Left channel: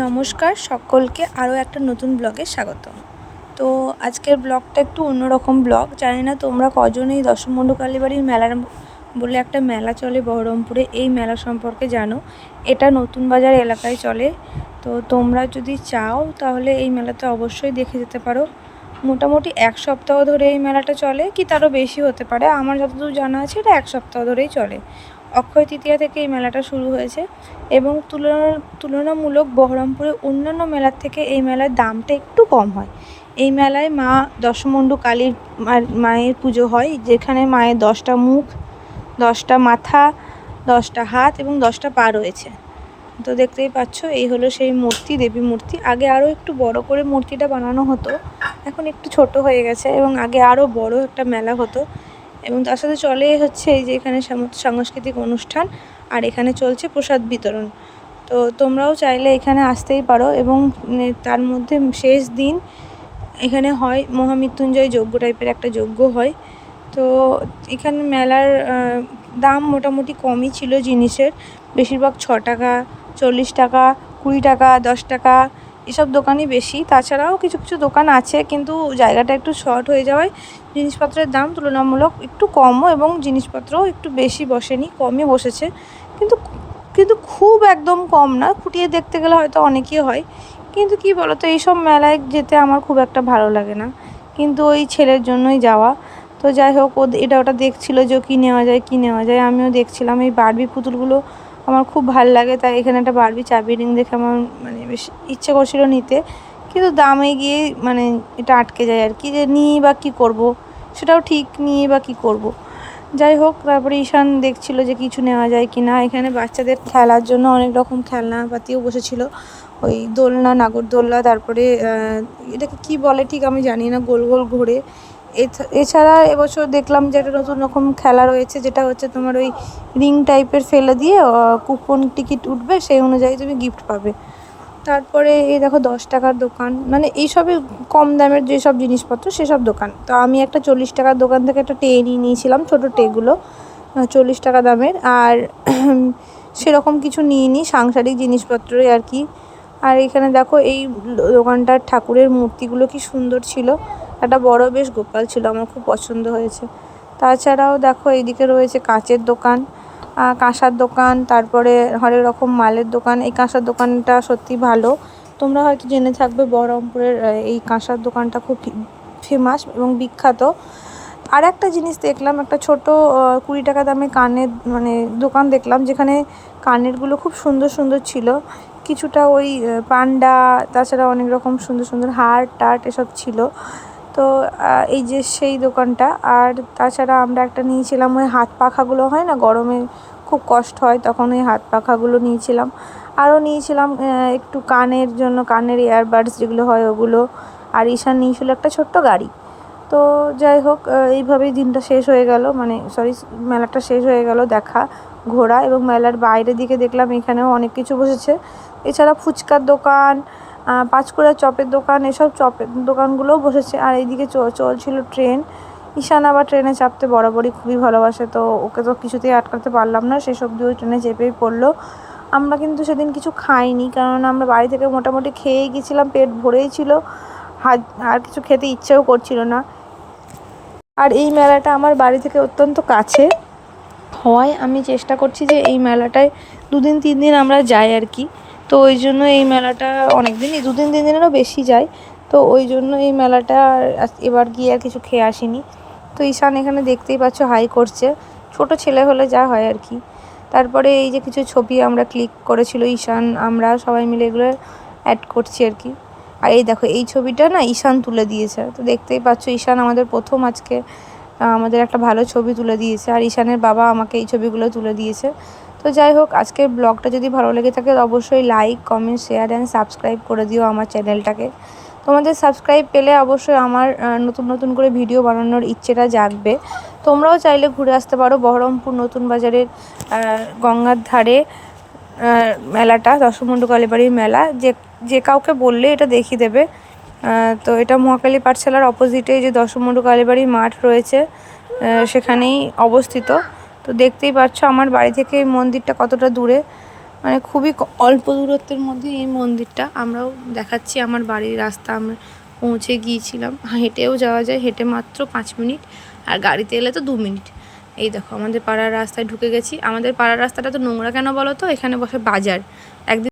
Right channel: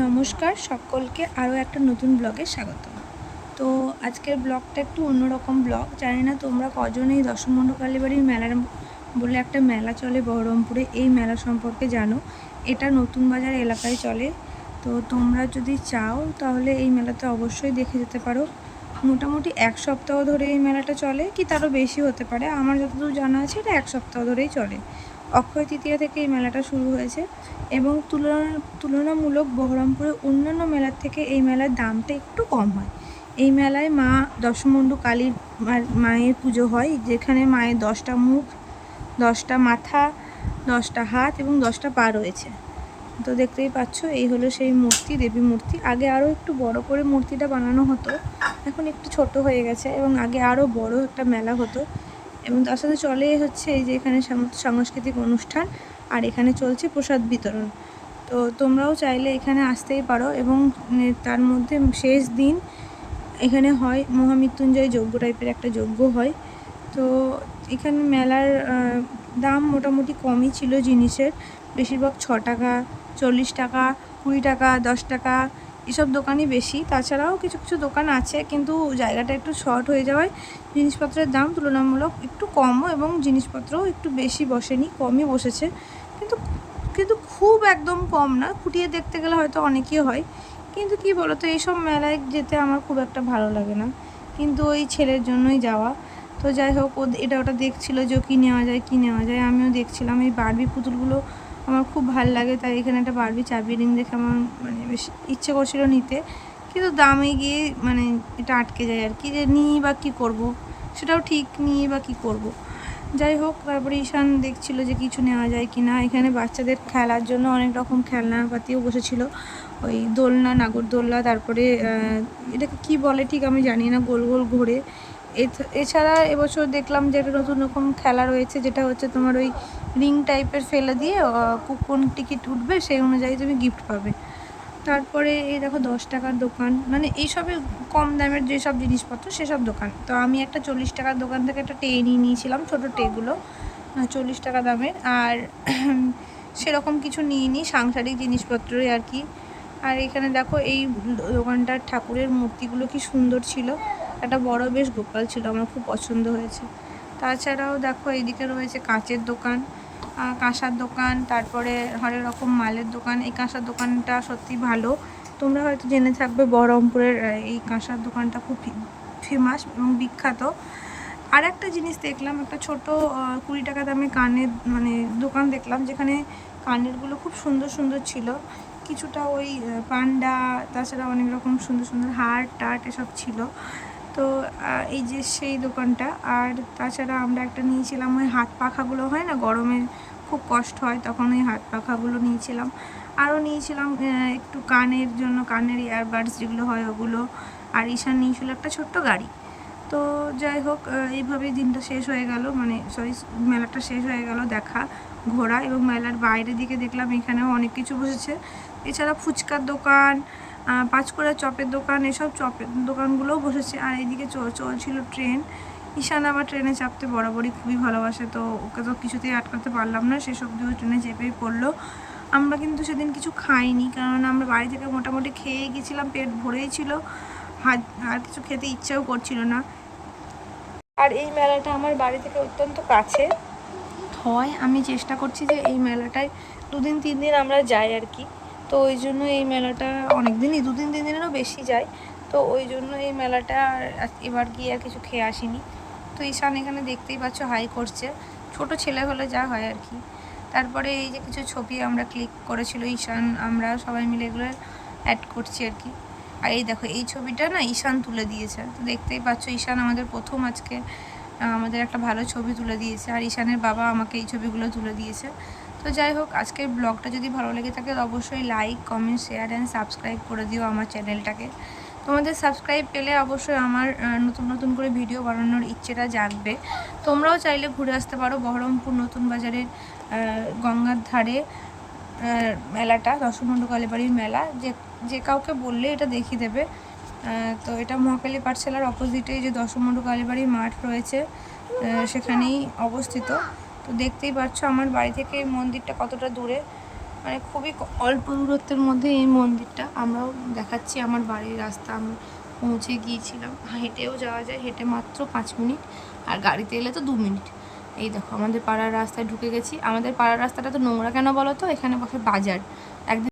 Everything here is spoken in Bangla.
নমস্কার, সকলকে আরও একটা নতুন ব্লগে স্বাগত। তো আজকের ব্লগটা একটু অন্যরকম ব্লগ। জানি না তোমরা কজন এই দশমন্ডু কালীবাড়ির মেলার বলে একটা মেলা চলে বহরমপুরে, এই মেলা সম্পর্কে জানো। এটা নতুন বাজার এলাকায় চলে। তো তোমরা যদি চাও তাহলে এই মেলাতে অবশ্যই দেখে যেতে পারো। মোটামুটি এক সপ্তাহ ধরে এই মেলাটা চলে, কি তারও বেশি হতে পারে। আমার যতদূর জানা আছে এটা এক সপ্তাহ ধরেই চলে। অক্ষয় তৃতীয়া থেকে এই মেলাটা শুরু হয়েছে এবং তুলনা তুলনামূলক বহরমপুরের অন্যান্য মেলার থেকে এই মেলার দামটা একটু কম হয়। এই মেলায় মা দশমণ্ডু কালীর মায়ের পুজো হয়, যেখানে মায়ের দশটা মুখ, দশটা মাথা, দশটা হাত এবং দশটা পা রয়েছে। তো দেখতেই পাচ্ছ, এই হলো সেই মূর্তি, দেবী মূর্তি। আগে আরও একটু বড় করে মূর্তিটা বানানো হতো, এখন একটু ছোট হয়ে গেছে এবং আগে আরও বড় একটা মেলা হতো। এবং তার সাথে চলে হচ্ছে এই যে এখানে সাংস্কৃতিক অনুষ্ঠান, আর এখানে চলছে প্রসাদ বিতরণ। তো তোমরাও চাইলে এখানে আসতেই পারো এবং তার মধ্যে শেষ দিন এখানে হয় মহামৃত্যুঞ্জয় যজ্ঞ টাইপের একটা যজ্ঞ হয়। তো এখানে মেলার দাম মোটামুটি কমই ছিল জিনিসের। বেশিরভাগ ছ টাকা, চল্লিশ টাকা, কুড়ি টাকা, দশ টাকা এসব দোকানই বেশি। তাছাড়াও কিছু কিছু দোকান আছে, কিন্তু জায়গাটা একটু শর্ট হয়ে যাওয়ায় জিনিসপত্রের দাম তুলনামূলক একটু কমও এবং জিনিসপত্রও একটু বেশি বসেনি, কমই বসেছে। কিন্তু কিন্তু খুব একদম কম না ফুটিয়ে দেখতে গেলে হয়তো অনেকই হয়। কিন্তু কি বলতো, এইসব মেলায় যেতে আমার খুব একটা ভালো লাগে না। কিন্তু ওই ছেলের জন্যই যাওয়া। তো যাই হোক, ও, এটা ওটা দেখছিল যে কী নেওয়া যায়, কী নেওয়া যায়, আমিও দেখছিলাম। এই বারবি পুতুলগুলো আমার খুব ভালো লাগে, তাই এখানে একটা বারবি চাবি রিং দেখে আমার মানে বেশ ইচ্ছে করছিল নিতে। কিন্তু দামে গিয়ে মানে এটা আটকে যায় আর কি, যে নিই বা কী করব? সেটাও ঠিক নিয়ে বা কী করব। যাই হোক, তারপরে ঈশান দেখছিল যে কিছু নেওয়া যায় কি না। এখানে বাচ্চাদের খেলার জন্য অনেক রকম খেলনাপাতিও বসেছিল। ওই দোলনা, নাগরদোলনা, তারপরে এটাকে কি বলে ঠিক আমি জানি না, গোল গোল ঘুরে। এছাড়া এবছর দেখলাম যে একটা নতুন রকম খেলা রয়েছে, যেটা হচ্ছে তোমার ওই রিং টাইপের ফেলে দিয়ে কুপন টিকিট উঠবে, সেই অনুযায়ী তুমি গিফট পাবে। তারপরে এই দেখো দশ টাকার দোকান মানে এইসবে কম দামের যেসব জিনিসপত্র, সেসব দোকান। তো আমি একটা চল্লিশ টাকার দোকান থেকে একটা টে নিয়ে নিয়েছিলাম, ছোটো টেগুলো চল্লিশ টাকা দামের। আর সেরকম কিছু নিয়ে নিই সাংসারিক জিনিসপত্রই আর কি। আর এখানে দেখো এই দোকানটার ঠাকুরের মূর্তিগুলো কি সুন্দর ছিল। একটা বড় বেশ গোপাল ছিল, আমার খুব পছন্দ হয়েছে। তাছাড়াও দেখো এইদিকে রয়েছে কাঁচের দোকান কাঁসার দোকান, তারপরে হরেক রকম মালের দোকান। এই কাঁসার দোকানটা সত্যি ভালো। তোমরা হয়তো জেনে থাকবে বহরমপুরের এই কাঁসার দোকানটা খুব ফেমাস এবং বিখ্যাত। আর একটা জিনিস দেখলাম, একটা ছোট কুড়ি টাকা দামে কানের মানে দোকান দেখলাম, যেখানে কানেরগুলো খুব সুন্দর সুন্দর ছিল। কিছুটা ওই পান্ডা, তাছাড়া অনেক রকম সুন্দর সুন্দর হার টার্ট এসব ছিল। তো এই যে সেই দোকানটা। আর তাছাড়া আমরা একটা নিয়েছিলাম ওই হাত পাখাগুলো, হয় না? গরমে খুব কষ্ট হয়, তখন ওই হাত পাখাগুলো নিয়েছিলাম। আরও নিয়েছিলাম একটু কানের জন্য, কানের ইয়ারবাডস যেগুলো হয় ওগুলো। আর ঈশান নিয়েছিল একটা ছোট্ট গাড়ি। তো যাই হোক এইভাবেই দিনটা শেষ হয়ে গেল। মানে সরি মেলাটা শেষ হয়ে গেল দেখা, ঘোরা এবং মেলার বাইরের দিকে দেখলাম এখানেও অনেক কিছু বসেছে। এছাড়া ফুচকার দোকান পাঁচকুড়া চপের দোকান, এসব চপের দোকানগুলোও বসেছে। আর এইদিকে চলছিল ট্রেন। ঈশান আবার ট্রেনে চাপতে বরাবরই খুবই ভালোবাসে, তো ওকে তো কিছুতেই আটকাতে পারলাম না। সেসব দিয়েও ট্রেনে চেপেই পড়ল। আমরা কিন্তু সেদিন কিছু খাইনি, কারণ আমরা বাড়ি থেকে মোটামুটি খেয়ে গেছিলাম, পেট ভরেই ছিল। আর কিছু খেতে ইচ্ছেও করছিল না। আর এই মেলাটা আমার বাড়ি থেকে অত্যন্ত কাছে হওয়ায় আমি চেষ্টা করছি যে এই মেলাটায় দুদিন, তিন দিন আমরা যাই আর কি। তো ওই জন্য এই মেলাটা অনেক দিনই দুদিন, তিন দিনেরও বেশি যায়। তো ওই জন্য এই মেলাটা এবার গিয়ে আর কিছু খেয়ে আসিনি। তো ঈশান এখানে দেখতেই পাচ্ছ হাই করছে। ছোট ছেলে হলে যা হয় আর কি। তারপরে এই যে কিছু ছবি আমরা ক্লিক করেছিল ঈশান, আমরা সবাই মিলে এগুলো অ্যাড করছি আর কি। আর এই দেখো, এই ছবিটা না ঈশান তুলে দিয়েছে। তো দেখতেই পাচ্ছ ঈশান আমাদের প্রথম আজকে আমাদের একটা ভালো ছবি তুলে দিয়েছে। আর ঈশানের বাবা আমাকে এই ছবিগুলো তুলে দিয়েছে। তো যাই হোক, আজকের ব্লগটা যদি ভালো লেগে থাকে অবশ্যই like comment share and subscribe করে দিও আমার চ্যানেলটাকে তোমাদের সাবস্ক্রাইব পেলে অবশ্যই আমার নতুন নতুন করে ভিডিও বানানোর ইচ্ছেটা জাগবে। তোমরাও চাইলে ঘুরে আসতে পারো বহরমপুর নতুন বাজারের গঙ্গার ধারে মেলাটা দশমন্ডু কালীবাড়ির মেলা। যে যে কাউকে বললে এটা দেখিয়ে দেবে। তো এটা মহাকালী পাঠশালার অপোজিটে যে দশমন্ডু কালীবাড়ির মাঠ রয়েছে সেখানেই অবস্থিত। তো দেখতেই পাচ্ছ আমার বাড়ি থেকে এই মন্দিরটা কতটা দূরে। মানে খুবই অল্প দূরত্বের মধ্যে এই মন্দিরটা। আমরাও দেখাচ্ছি আমার বাড়ির রাস্তা, আমরা পৌঁছে গিয়েছিলাম। হেঁটেও যাওয়া যায়, হেঁটে মাত্র পাঁচ মিনিট আর গাড়িতে এলে তো দু মিনিট। এই দেখো, আমাদের পাড়ার রাস্তায় ঢুকে গেছি। আমাদের পাড়ার রাস্তাটা তো নোংরা কেন বলো তো? এখানে বসে বাজার। একদিন